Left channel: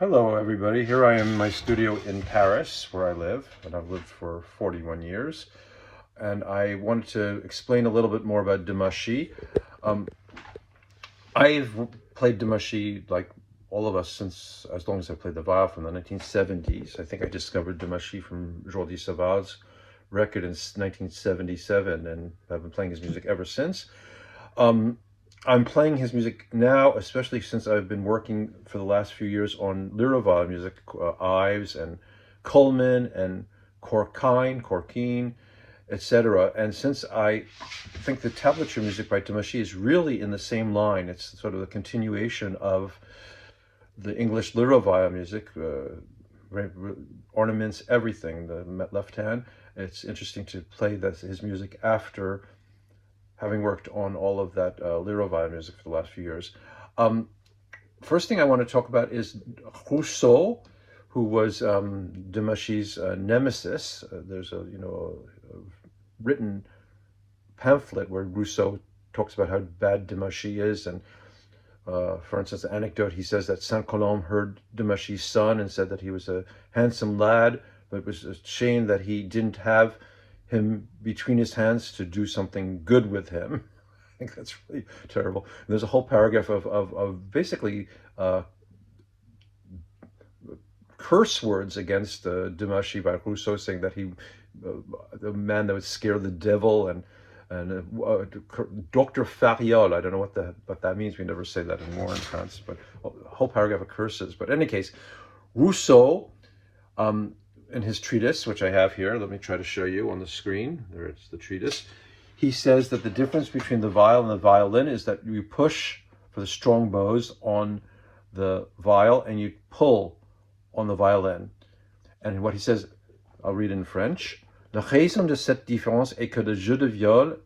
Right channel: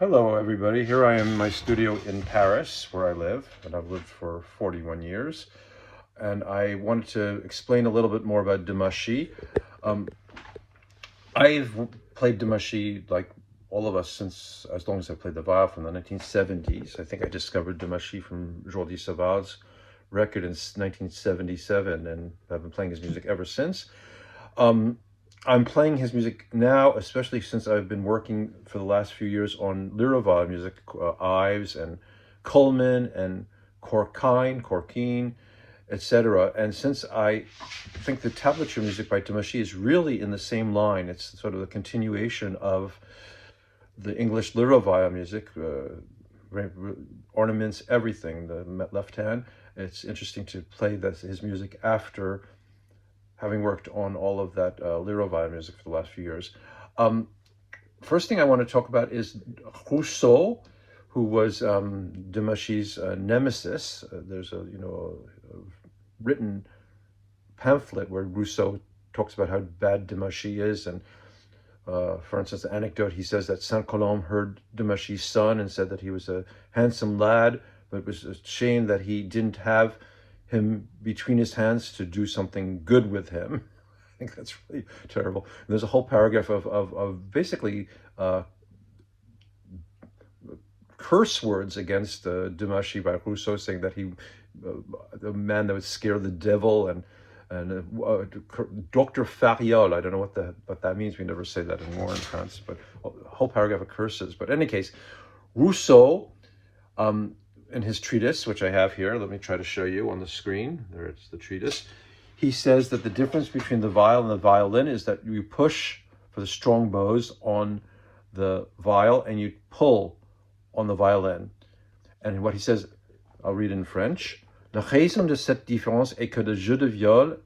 Hello everybody, here I am in my studio in Paris where I live, and I've lived for 41 years, and I wanted to explain a little bit more about Demachy. I've played Demachy like all of us since as long as I played the viol from the 1970s. I think I discovered Demachy from Jordi Saval's record in 1977, and I've been playing his music ever since. I'm playing his music now, especially since I've been working for the last few years on Lyra music, Ives and Coleman and Corkine, etc. And since I think the tablature music by Demachy is really in the same line, it's sort of the continuation of the English Lyra music, ornaments, everything, the left hand. It's interesting to play his music after having worked on all of that Lyra music for the last few years. First thing I want to talk about is Rousseau, who was Demachy's nemesis. There's a written pamphlet where Rousseau talks about how bad Demachy is, and for instance, the anecdote, he says that Saint-Colombe heard Demachy's son and said that he was a handsome lad, but it was a shame that he didn't have him between his hands to do something good with him. I think that's really terrible. There's a whole paragraph of basically curse words against Demachy by Rousseau, saying that he, the man that would scare the devil, and Dr. Fariol, I don't know what that means. We never say that anymore in France, but a whole paragraph of curses. But in any case, Rousseau, in his treatise, which I have here, let me try to show you on the screen. There's the treatise. He says that the difference between the viol and the violin is that you push for the strong bows on the viol and you pull on the violin. And what he says, I'll read in French. La raison de cette différence est que le jeu de viol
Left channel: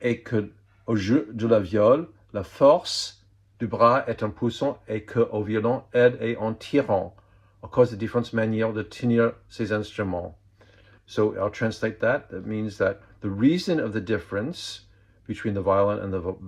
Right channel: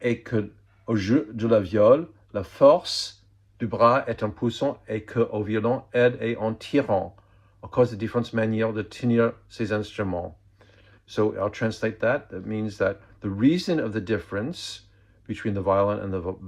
est que au jeu de la viol, la force du bras est en poussant et que au violon, aide est en tirant. Of course, the different manière de tenir ces instruments. So I'll translate that. That means that the reason of the difference between the violin and the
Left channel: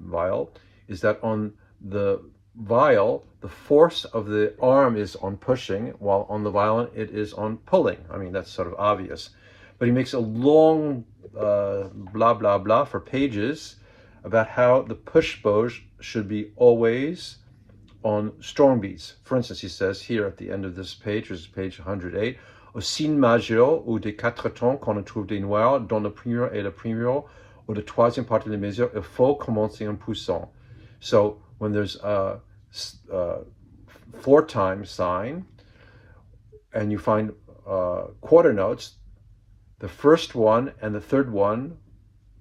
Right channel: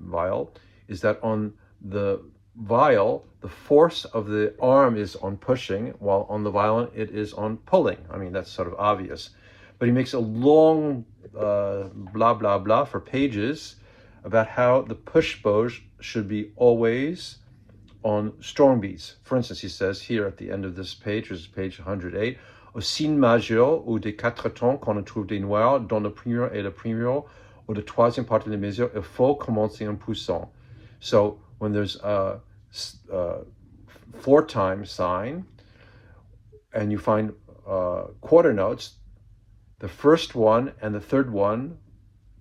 viol is that on the viol, the force of the arm is on pushing, while on the violin, it is on pulling. I mean, that's sort of obvious. But he makes a long blah, blah, blah for pages about how the push bows should be always on strong beats. For instance, he says here at the end of this page, which is page 108, au signe majeur ou des quatre temps qu'on trouve des noirs dans le premier et le premier ou le troisième partie de mesure, il faut commencer en poussant. So when there's a 4-time sign and you find quarter notes, the first one and the third one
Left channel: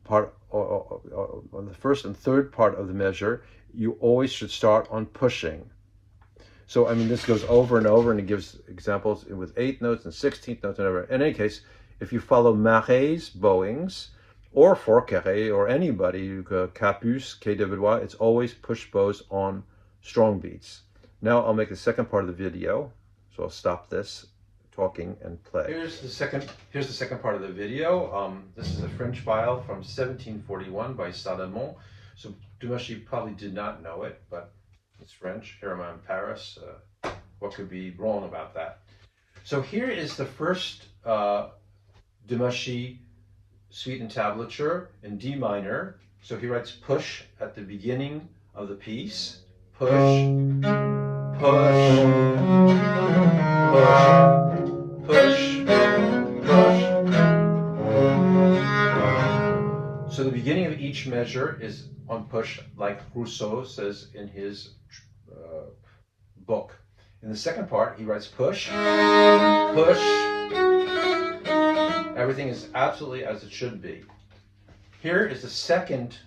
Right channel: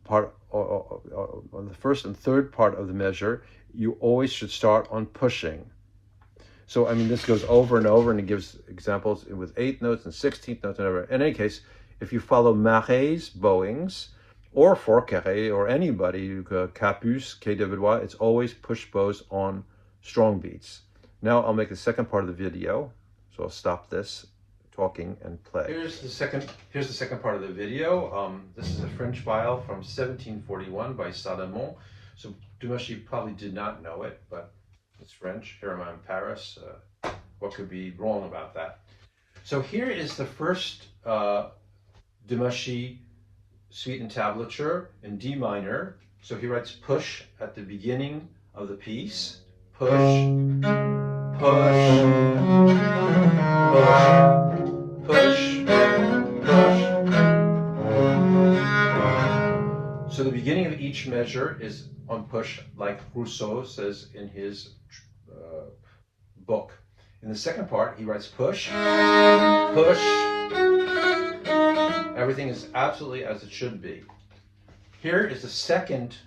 part, or the first and third part of the measure, you always should start on pushing. So, I mean, this goes over and over, and it gives examples with 8th notes and 16th notes and whatever. In any case, if you follow Marais, Bowings, or Forqueray, or anybody, Capus, Quai de Valois, it's always push bows on strong beats. Now I'll make the second part of the video. So I'll stop this talking and play. Here's the second part of the video. This is a French viol from 1741 by Salomon. So Demachy probably did not know it, but it's French. Here I'm in Paris. What could be wrong about that? So here is the first Demachy suite and tablature in D minor. So he writes push at the beginning of the piece. Push, push, push, push, push. So the beginning of each measure is on push, like Rousseau says in his book. In the second part, he writes push, push. Everything is absolutely as it should be. Here is the second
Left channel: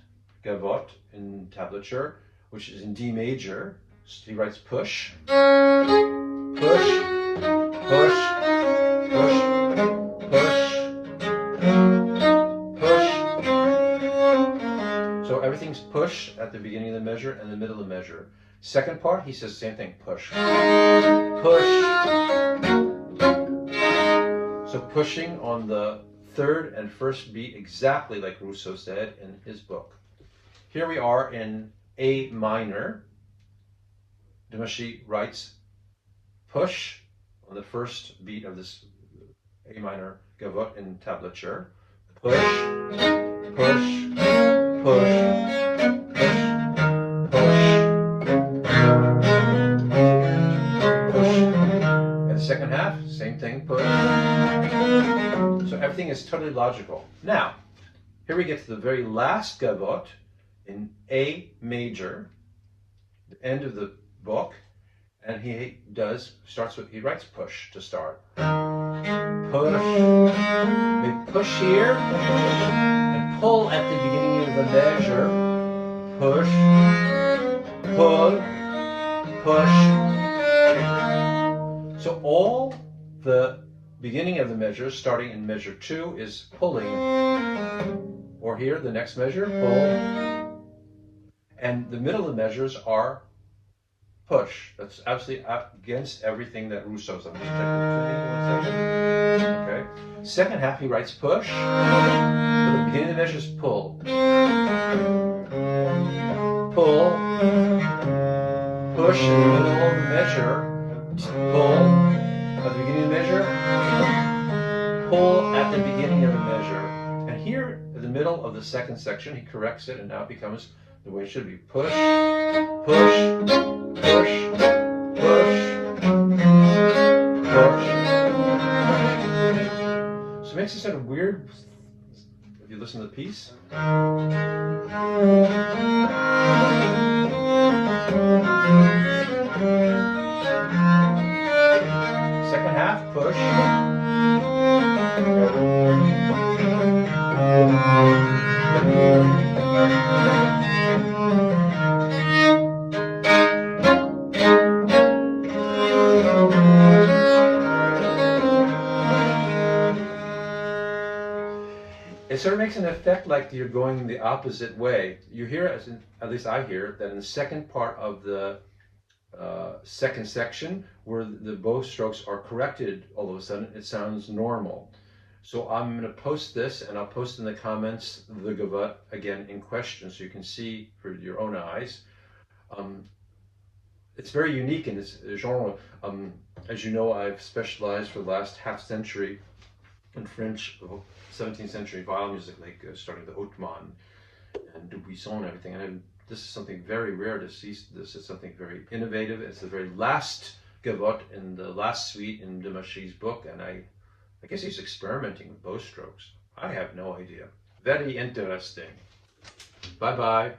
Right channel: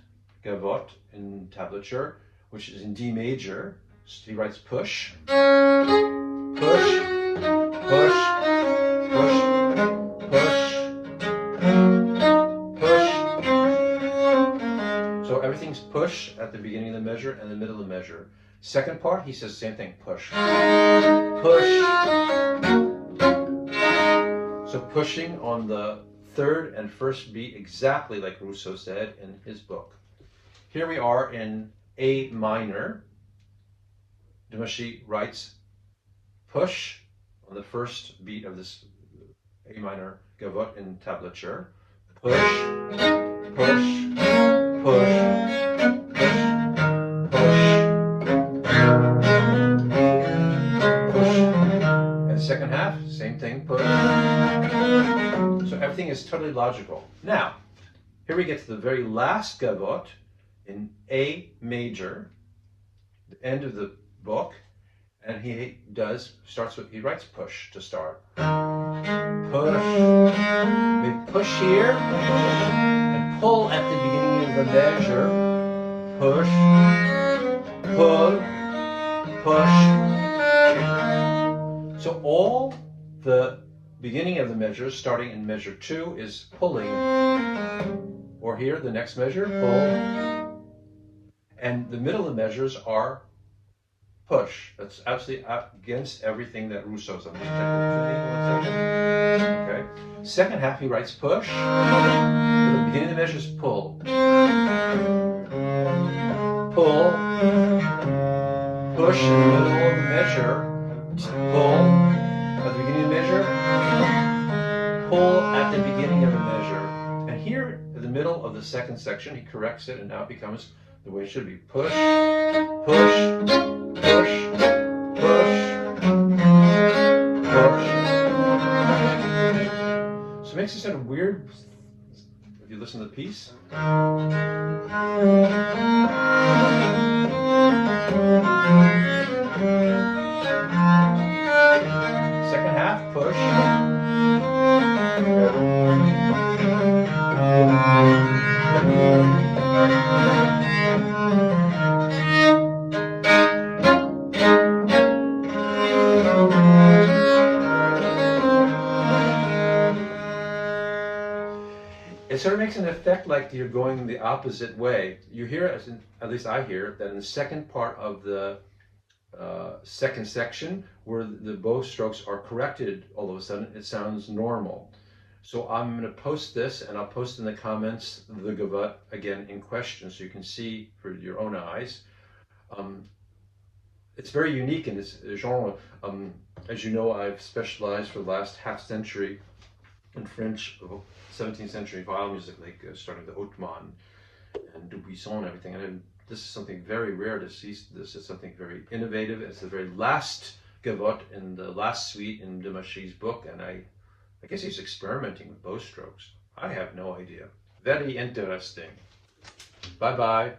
gavotte in tablature, which is in D major. So he writes push, push, push, push, push, push. So everything's push at the beginning of the measure and the middle of the measure. Second part, he says the same thing, push, push. So pushing on the third and first beat, exactly like Rousseau said in his book. Here we are in A minor. Demachy writes push on the first beat of this A minor gavotte in tablature. Push, push, push, push. And the second half, same thing, push. So everything is totally logical. Now, here we get to the very last gavotte in A major, the end of the book, and he writes push to start. Push, big push here, and pull at the beginning of the measure. Push, pull, push. So all the beginning of the measures, starting in measure 2, is pulling. Or here, the next measure, pull. And the middle of the measures are push. That's absolutely against everything that Rousseau said. I'm just checking the tuning 1 second. Okay. Second half, he writes push. But the beginning of the measure is pull. Pull. Push in the middle of the measure. Pull. At the beginning of the measure. Pull at the beginning of the measure. And here, in the middle of the second section, he corrects it, and now it becomes the way it should be. Push, push, push, push, push. So it makes it sort of weird if you listen to the piece. Second half, push. It sort of makes an effect like you're going the opposite way. You hear, at least I hear, that in the second part of the second section, where the bow strokes are corrected, all of a sudden it sounds normal. So I'm going to post this, and I'll post in the comments the gavotte again in question, so you can see for your own eyes. It's very unique in its genre. As you know, I've specialized for the last half century in French 17th century violin music, like starting with Hautman and Dubuisson and everything. And this is something very rare to see. This is something very innovative. It's the very last gavotte in the last suite in Demachy's book, and I guess he's experimenting with bow strokes. I have no idea. Very interesting. Bye-bye.